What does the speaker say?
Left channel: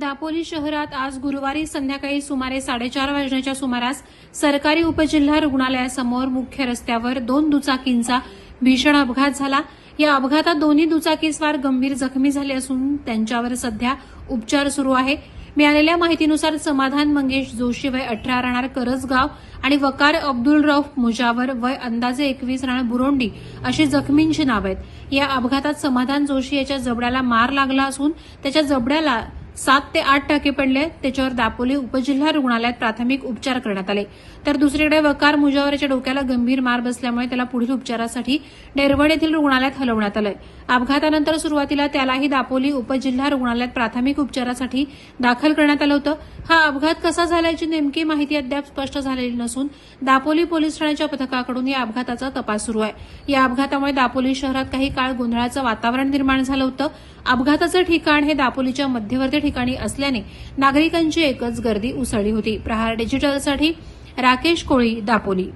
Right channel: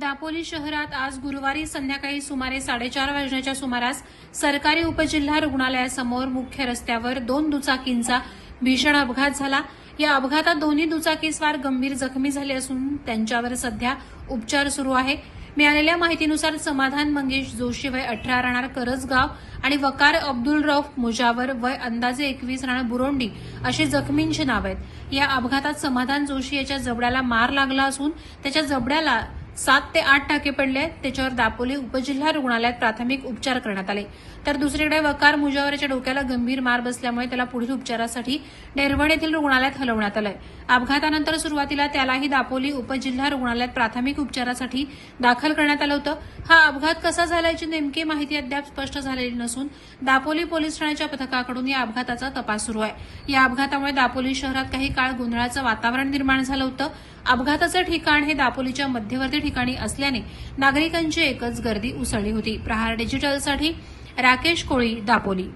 दापोली शहरात आज गुरुवारी संध्याकाळी सुमारे साडेचार वाजण्याच्या सुमारास सरकारी उपजिल्हा रुग्णालयासमोर मुख्य रस्त्यावर दोन दुचाकींचा भीषण अपघात झाला. या अपघातात दोन्ही दुचाकीस्वार गंभीर जखमी झाले असून त्यांच्यावर सध्या उपचार सुरू आहे. मिळालेल्या माहितीनुसार समाधान मंगेश जोशी वय अठरा राहणार करजगाव आणि वकार अब्दुल रौफ मुजावर वय अंदाजे एकवीस राहणार बुरोंडी अशी जखमींची नाव आहेत. या अपघातात समाधान जोशी याच्या जबड्याला मार लागला असून त्याच्या जबड्याला सात ते आठ टाके पडले त्याच्यावर दापोली उपजिल्हा रुग्णालयात प्राथमिक उपचार करण्यात आले. तर दुसरीकडे वकार मुजावरच्या डोक्याला गंभीर मार बसल्यामुळे त्याला पुढील उपचारासाठी डेरवड येथील रुग्णालयात हलवण्यात आलंय. अपघातानंतर सुरुवातीला त्यालाही दापोली उपजिल्हा रुग्णालयात प्राथमिक उपचारासाठी दाखल करण्यात आलं होतं. हा अपघात कसा झाल्याची नेमकी माहिती अद्याप स्पष्ट झालेली नसून दापोली पोलीस ठाण्याच्या पथकाकडून या अपघाताचा तपास सुरू आहे. या अपघातामुळे दापोली शहरात काही काळ गोंधळाचं वातावरण निर्माण झालं होतं. अपघाताचं ठिकाण हे दापोलीच्या मध्यवर्ती ठिकाणी असल्याने नागरिकांची एकच गर्दी उसळली होती. प्रहार डिजिटलसाठी राकेश कोळी दापोली.